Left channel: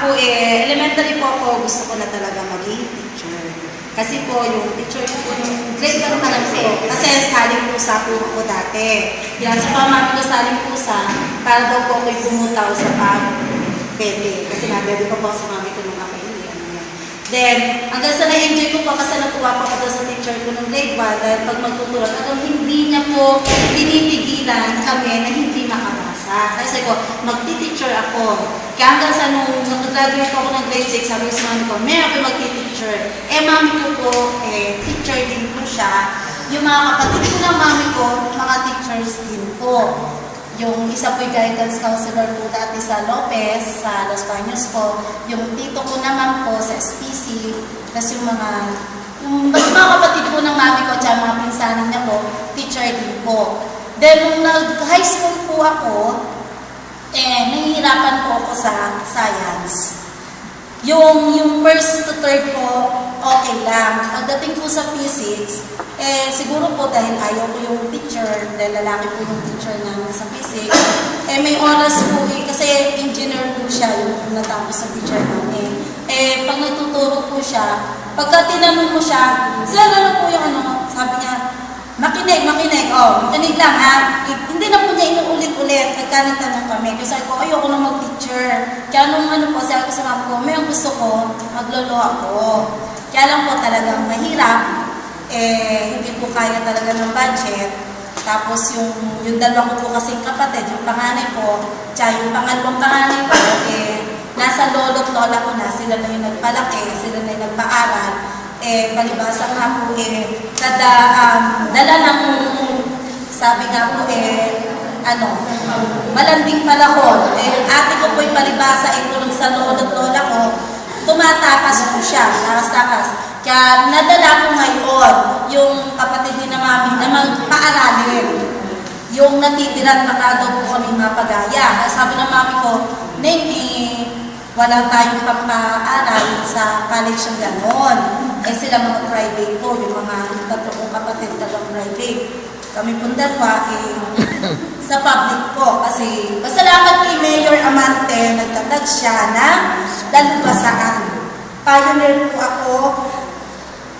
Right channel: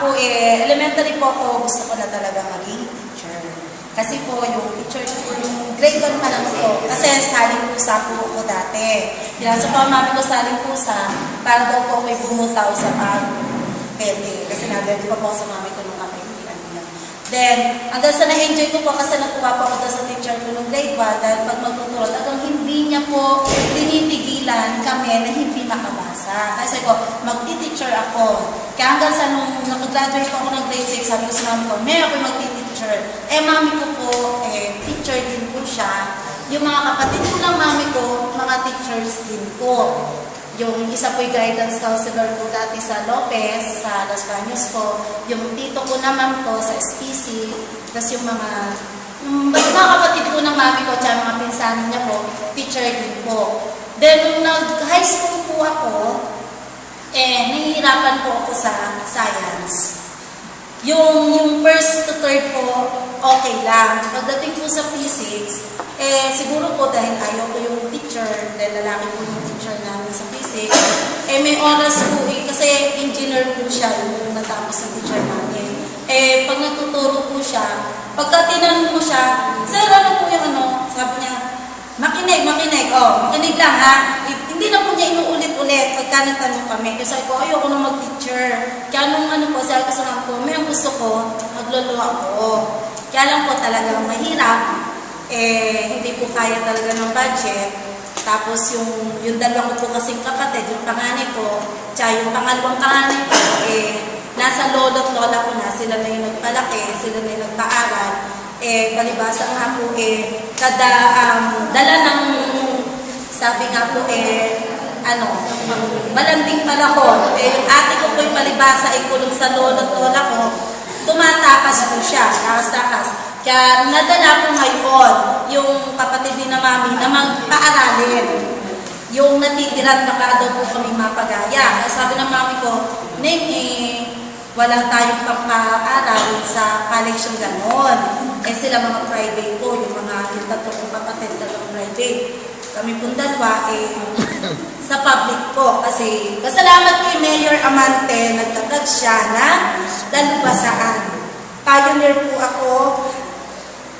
po elementary po ako, gusto ko na talaga maging teacher. Kasi po yung teacher, yung grade 1 pa lang po. Kasi saling pusa po ako dati. Sa pamamang ko saling pusa, para daw po ako'y bumutaw sa pag-pete. Kasi nagabi pa po sa mami ko nung nakailan. Then, hanggang sa na-enjoy ko po kasi natuwa po ako sa teacher ko nung grade 1 dahil pag magtutulog, hanggang hindi niya po tinitigilan kami na hindi makabasa. Kasi ko, magti-teacher ako. Kaya hanggang sa nung graduate ako ng grade 6, sabi ko sa mami ko, may ako'y magti-teacher. Mami ko po, teacher din po siya. Yung mga kapatid ko ng mami ko, mga teachers din po. Yung isa po'y guidance counselor po dati sa Lopez, sa Los Baños po. Yung tito ko naman po sa SPC. Tapos yung mga kapatid po ng mami ko, tsaka mga pinsanin niya po, teacher din po. Then, nung nag-high school po ako, nahihirapan po ako sa science. Yung first to third po, okay lang. Pagdating po sa physics, siguro po dahil ayaw ko yung teacher, dahil lalaki po yung teacher namin sa physics, may oras po kasi engineer po siya, yung natapos ng teacher namin. Pag natuturo po siya, pagka tinanong mo siya, sir, ano po yung ano? Sabi niya, makinig. Makinig lang ha. Hindi na po niya inuulit-ulit pagka natanong kami. Kasi sabi ko, ayoko na mag-teacher. Kaya nung ano po, sabi ko sa mga po, may gusto ko, maglolo ako. Kaya lang po talagang mahirap. Hindi po kaya talaga ng budget. Tapos yung dalawa ko po kasing kapatid, yung panganay ko, tsaka yung pangalawang panganay ko, nasa lolo't lola ko na. Sila na yung nagpalaki, sila na yung nagpaaral. Palibasa nga po, kada dala ng, sabi nga po, malanding palakon. Yung ate ko po'y palibasa, kulong sa lolo't lola ko, tumatakas po siya, takas-takas. Kaya nadala po ngayon yung kapatid ni na mami na magpaaralin. Yung natitira baka daw po kami mapagaya. Sabi ng mami ko, wala tayong papaaral sa college yung ganon. Sila mga private po, yung mga tatlo kong kapatid talagang private. Kami pong dalawa sa public po. Kasi pasalamat kay Mayor Amante, nagtatag siya na dalubasaan. Pioneer po ako.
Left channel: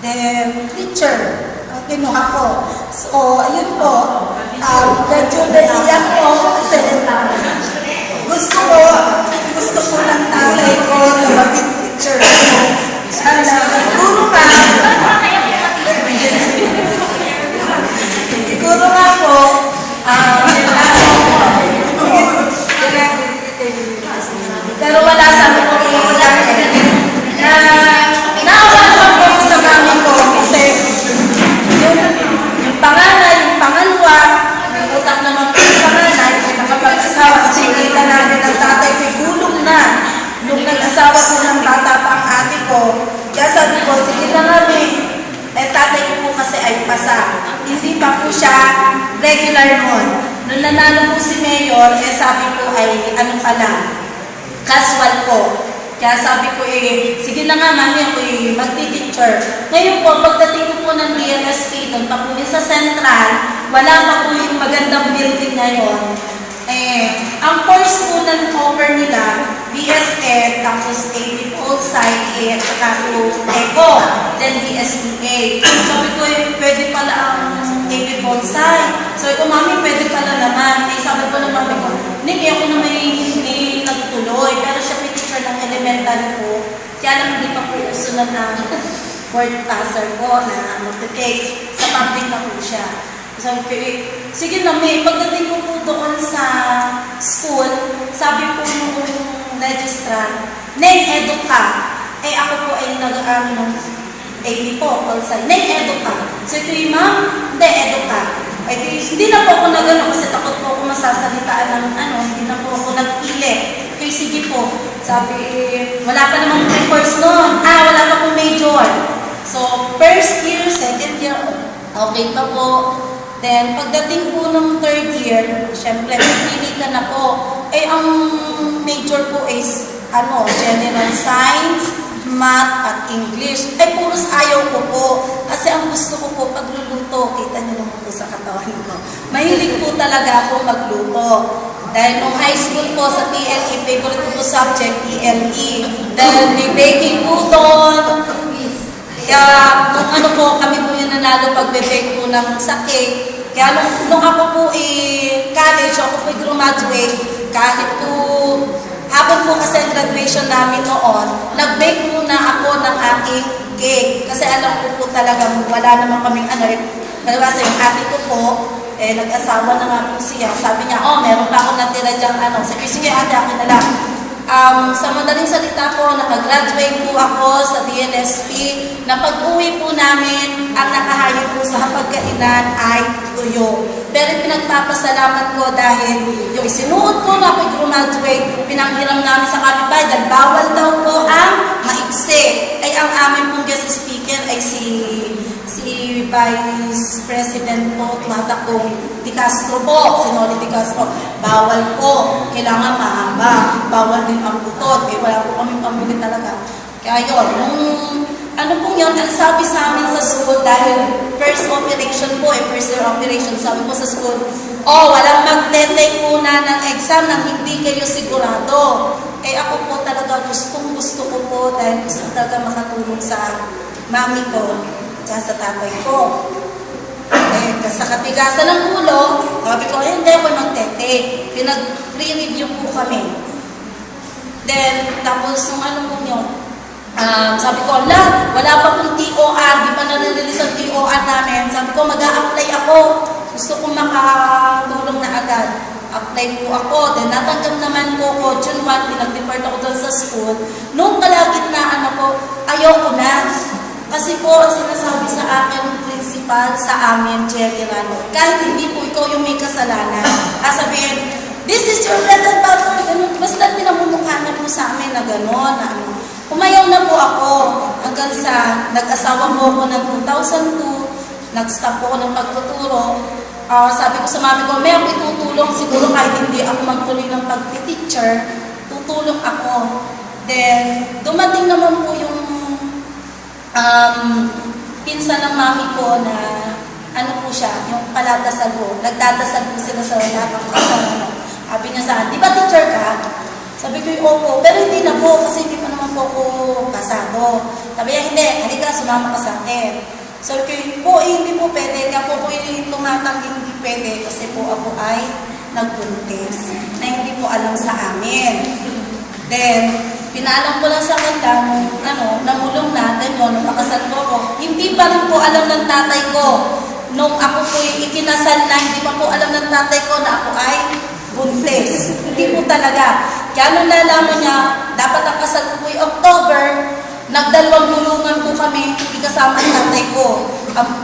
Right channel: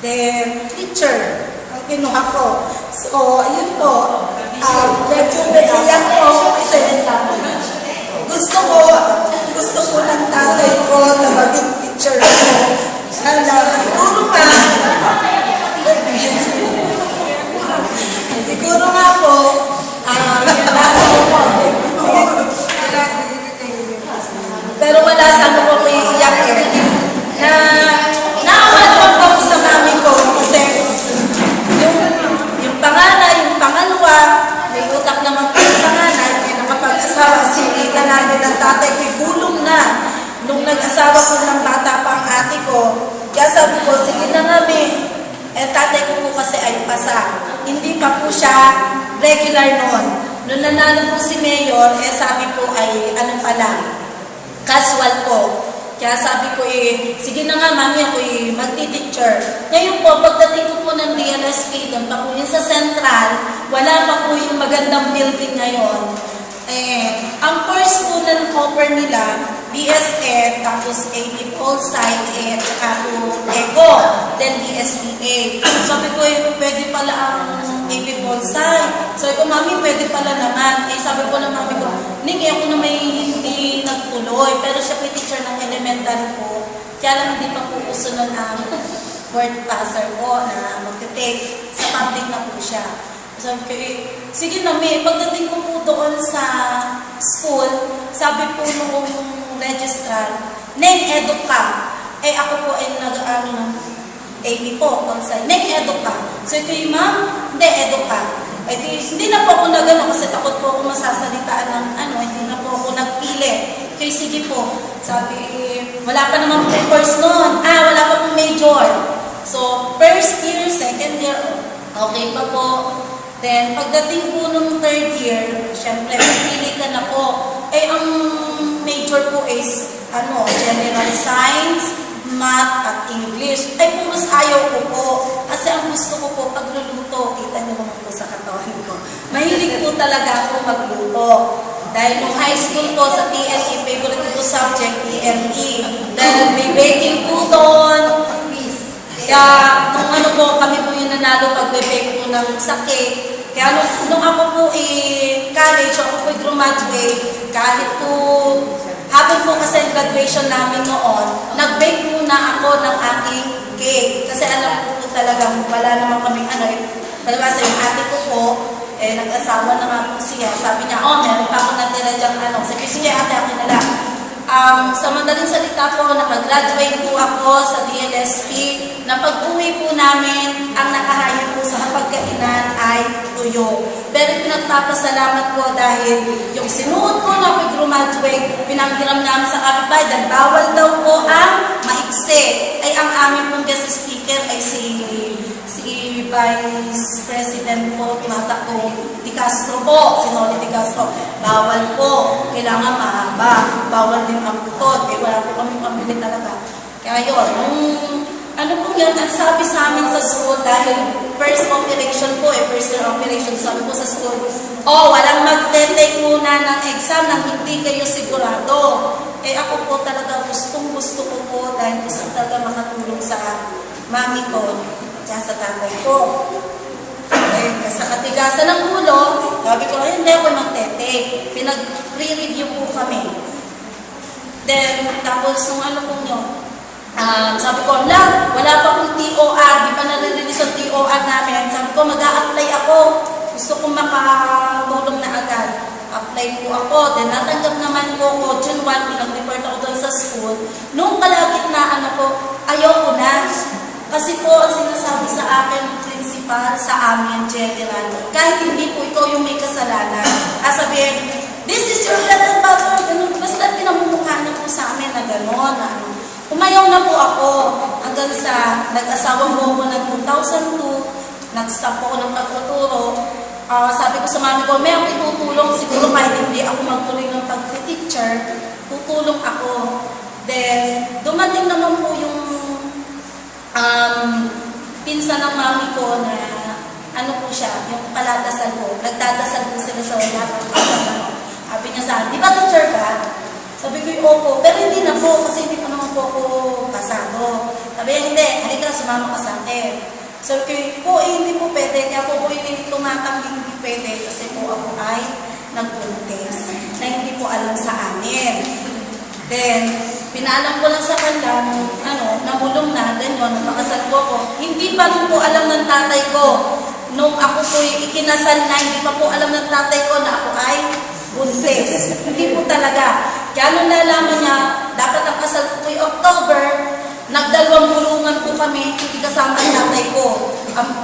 Then, teacher, ang kinuha ko. So, ayun po. Medyo naiyak po kasi gusto ko ng tatay ko na maging teacher. Siguro nga po, pero wala sa ano ko iiyak naawan ko sa mami ko kasi yung panganay, yung pangalawa, may utak naman po yung panganay, may makapag-asawa kasi kita namin sa tatay ko gulong na nung nag-asawa ko ng bata pa ang ate ko. Kaya sabi ko, sige na kami. Tatay ko po kasi ay pasa. Hindi pa po siya regular noon. Nung nanalo po si Mayor, sabi po ay ano pa lang, casual po. Kaya sabi ko sige na nga mami, ako magti-teacher. Ngayon po, pagdating ko po ng DLSP, doon pa po yun sa Central, wala pa po yung magandang building ngayon. Ang first po ng cover nila, DSE, tapos AD Polsci, at saka po ECO, then DSPA. Sabi ko, pwede pala ang AD Polsci. Sabi ko, mami, pwede pala naman. Sabi ko ng mami ko, Nick, ako na may nagtuloy, pero siya may teacher ng elementary po. Kaya lang hindi pa po uso na word passer ko na mag-take. Sa public na po siya. Sabi ko, sige na may, pagdating ko po doon sa school, sabi po nung registrar, name-edu ka. Ako po ay nag-aaral ng AD po, Polsci. Name-edu ka. Sabi ko, ma'am, hindi, edu ka. Hindi na po ako nag-ano kasi takot po ako masasalitaan ng hindi na po ako nagpili. Kaya sige po, sabi, wala pa namang pre-course noon. Wala pa po major. So, first year, second year, okay pa po. Then, pagdating po ng third year, syempre, pagpili ka na po. Ang major po is, general science, math, at English. Puros ayaw ko po. Kasi ang gusto ko po, pagluluto, kita niyo naman po sa katawan ko. Mahilig po talaga ako magluto. Dahil nung high school po sa TLE, favorite ko subject, EME. Dahil may baking po doon. Kaya kung ano po, kami po yung nanalo pag-bake po ng sake. Kaya nung ako po college, ako po graduate, kahit po habang po kasi ang graduation namin noon, nag-bake muna ako ng aking cake. Kasi alam ko po talagang wala naman kaming kasi yung ate ko po, nag-asawa na nga po siya. Sabi niya, meron pa ako natira dyan, Sabi, sige ate, akin na lang. Sa madaling salita po, nakagraduate po ako sa DLSP. Na pag-uwi po namin, ang nakahayo po sa hapagkainan ay tuyo. Pero pinagpapasalamat po dahil yung sinuot ko na pag-graduate, pinanghiram namin sa kapitbahay dahil bawal daw po ang maikse. Ay ang amin pong guest speaker ay si Vice President po, Matakong Di Castro po, si Noli Di Castro. Bawal po, kailangan mahaba, bawal din ang bukod, wala po kami pamili talaga. Kaya yun, ano pong yun, ang sabi sa amin sa school, dahil first operation po, first year operation, sabi po sa school, walang magte-take muna ng exam nang hindi kayo sigurado. Ako po talaga gusto ko po, dahil gusto ko talaga makatulong sa mami ko, sa tatay ko. Sa katigasan ng ulo, sabi ko, hindi ako magtete. Pinag-pre-review po kami. Then, tapos nung ano po nyo, sabi ko, wala pa pong TOR, di pa na-release ang TOR namin. Sabi ko, mag-a-apply ako. Gusto ko makatulong na agad. Apply po ako. Then, natanggap naman po ko, June 1, pinag-report ako doon sa school. Nung kalagitnaan ako, ayoko na. Kasi po, ang sinasabi sa akin ng principal sa amin, general, kahit hindi po ikaw yung may kasalanan, sabihin, this is your bread and butter, ganun. Basta pinamumukha niya po sa amin na gano'n, Umayaw na po ako hanggang sa nag-asawa po ako ng 2002, nag-stop po ako ng pagtuturo. Sabi ko sa mami ko, may ako itutulong, siguro kahit hindi ako magtuloy ng pag-teacher, tutulong ako. Then, dumating naman po yung pinsan ng mami ko na ano po siya, yung paladasal ko. Nagdadasal po sila sa lahat ng sabi niya sa akin, di ba teacher ka? Sabi ko yung opo, pero hindi na po kasi hindi pa naman po ako kasado. Sabi niya, hindi, halika sumama ka sa akin. Sabi ko, hindi po pwede. Kaya po hindi tumatang hindi pwede kasi po ako ay nagbuntis na hindi po alam sa amin. Then, pinaalam ko lang sa kanila, namulong na, then yun, napakasal ko ako. Hindi pa rin po alam ng tatay ko. Nung ako po ikinasal na, hindi pa po alam ng tatay ko na ako ay buntis. Hindi po talaga. Kaya nung nalaman niya, dapat ang kasal ko po October, nagdalawang bulungan po kami, hindi kasama ang tatay ko.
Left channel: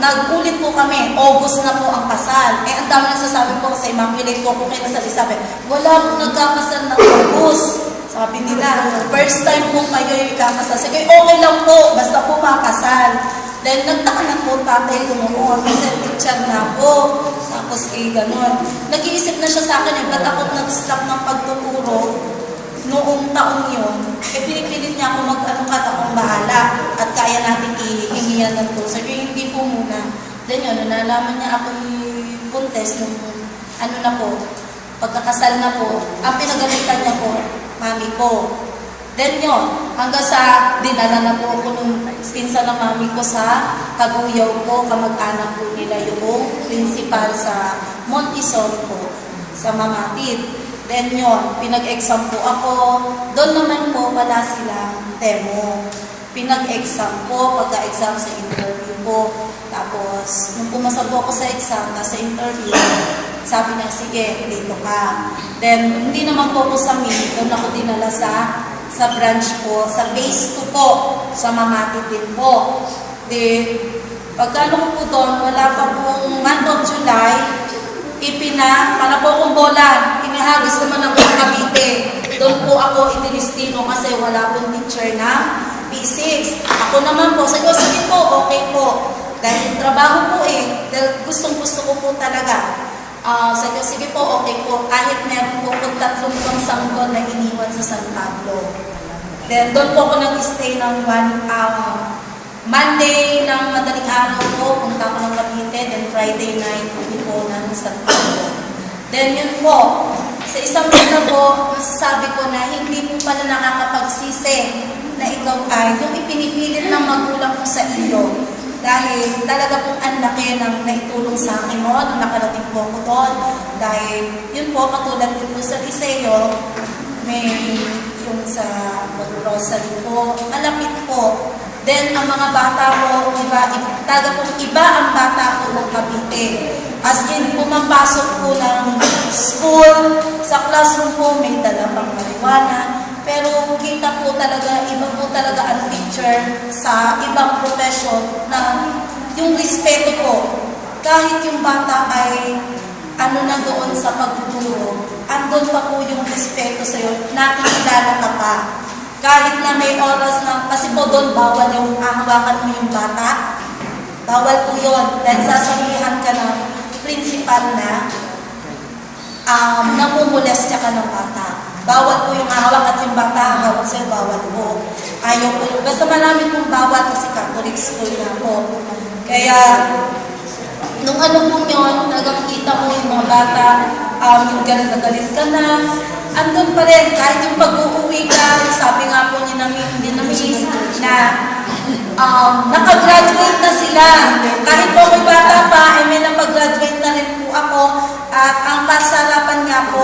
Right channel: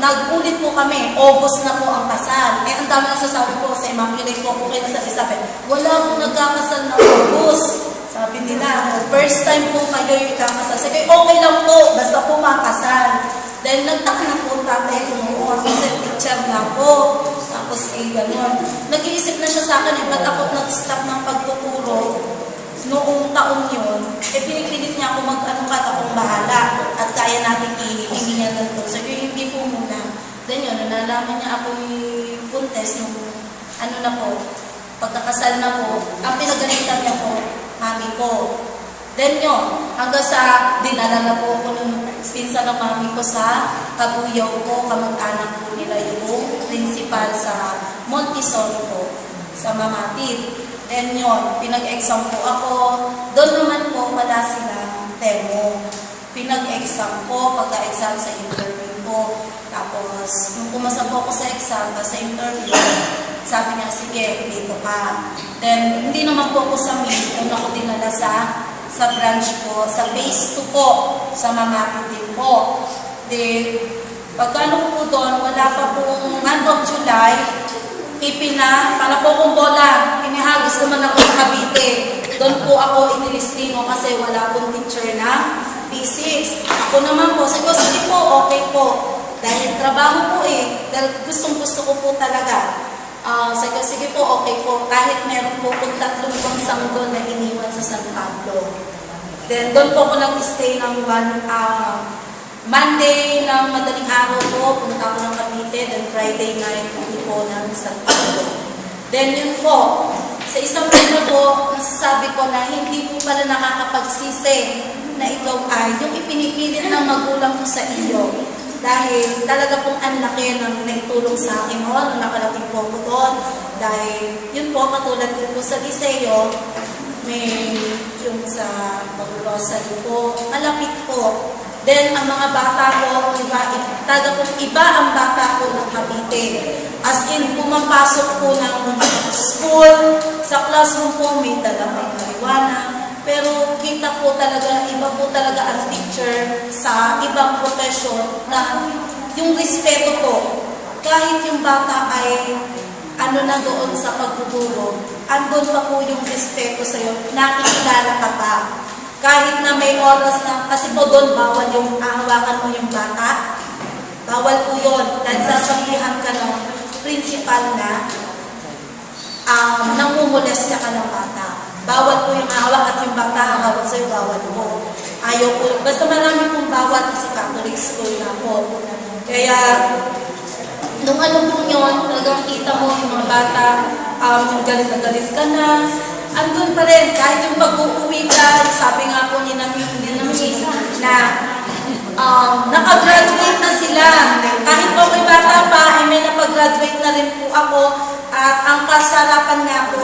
Nag-ulit po kami, August na po ang kasal. Ang dami nagsasabi po sa Immaculate po kayo nasasabi, wala po nagkakasal na August. Sabi nila, first time po kayo yung ikakasal. Sige, okay lang po, basta po makasal. Dahil nagtaka na po tatay ko noon, kasi teacher na po. Tapos gano'n. Nag-iisip na siya sa akin, ba't ako nag-stop ng pagtuturo noong taon yun. Pinipilit niya ako akong bahala at kaya natin ihingihan ng po. Sabi, hindi po muna. Then yun, nalaman niya ako yung contest nung na po, pagkakasal na po, ang pinagalitan niya po, mami ko. Then yun, hanggang sa dinala na po ko nung pinsan ng mami ko sa kaguyaw ko, kamag-anak po nila yung principal sa Montessori po, sa Mamapit. Then yun, pinag-exam po ako. Doon naman po, wala silang demo. Pinag-exam po, pagka-exam sa interview po. Tapos, nung pumasa po ako sa exam, sa interview, sabi niya, sige, dito ka. Then, hindi naman po ako sa meet. Doon ako dinala sa branch po, sa phase 2 po, sa Mamapit din po. Then, pagkano po doon, wala pa pong month of July, para po kong bola, inihagis naman ako sa Cavite. Doon po ako inilistino kasi wala pong teacher na P6. Ako naman po, sabi ko, sige po, okay po. Dahil trabaho po dahil gustong-gusto ko po talaga. Sabi ko, sige po, okay po. Kahit meron po kung 3 sanggol na iniwan sa San Pablo. Then, doon po ako nag-stay ng Monday ng madaling araw po, punta ako ng Cavite. Then, Friday night, uwi po ng San Pablo. Then, yun po. Sa isang libro po, masasabi ko na hindi mo pala nakakapagsisi na ikaw ay yung ipinipilit ng magulang ko sa iyo. Dahil talaga pong ang laki ng naitulong sa akin mo nung nakarating po ako doon. Dahil yun po, katulad din po sa Liceo, may yung sa pag-rosary po, malapit po. Then, ang mga bata ko, talaga pong iba ang bata ko ng Cavite. As in, pumapasok po ng school, sa classroom po, may dalawang marijuana. Pero kita po talaga, iba po talaga ang teacher sa ibang profession na yung respeto po. Kahit yung bata ay na doon sa pagtuturo, andun pa po yung respeto sa'yo, nakikilala ka pa. Kahit na may oras na, kasi po doon bawal yung hawakan mo yung bata. Bawal po yun. Dahil sasabihan ka ng principal na namumulestya ka ng bata. Bawal po yung hawak at yung bata hawak sa'yo, bawal po. Ayaw po. Basta marami pong bawal kasi Catholic school na po. Kaya, nung pong yun, talagang kita mo yung mga bata, yung galit na galit ka na, andun pa rin, kahit yung pag-uuwi ka, sabi nga po niya namin, na nakagraduate na sila. Kahit po may bata pa, may napag-graduate na rin po ako, at ang kasarapan niya po,